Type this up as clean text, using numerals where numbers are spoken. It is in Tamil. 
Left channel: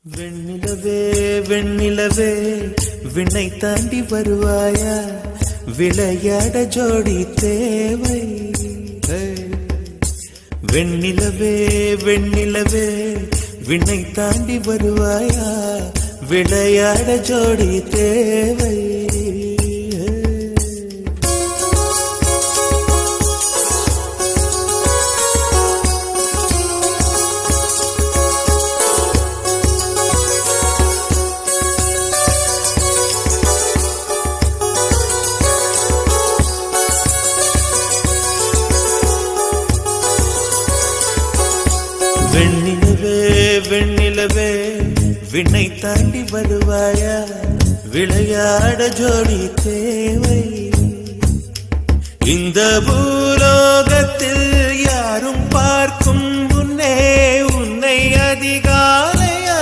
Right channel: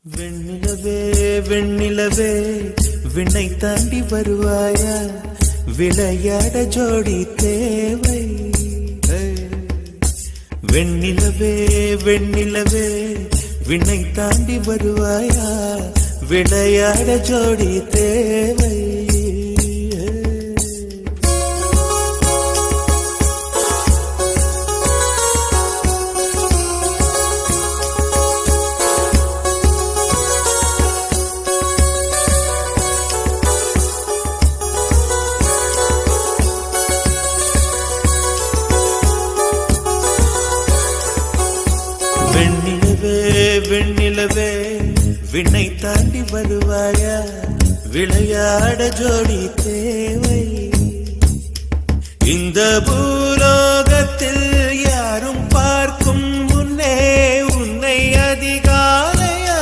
வெண்ணிலவே வெண்ணிலவே விண்ணை தாண்டி வருவாயா, விளையாட ஜோடி தேவை. வெண்ணிலவே வெண்ணிலவே விண்ணை தாண்டி வருவாயா, விளையாட ஜோடி தேவை. வெண்ணிலவே வெண்ணிலவே விண்ணை தாண்டி வருவாயா, விளையாட ஜோடி தேவை. இந்த பூலோகத்தில் யாரும் பார்க்கும் முன்னே உன்னை அதிகாலை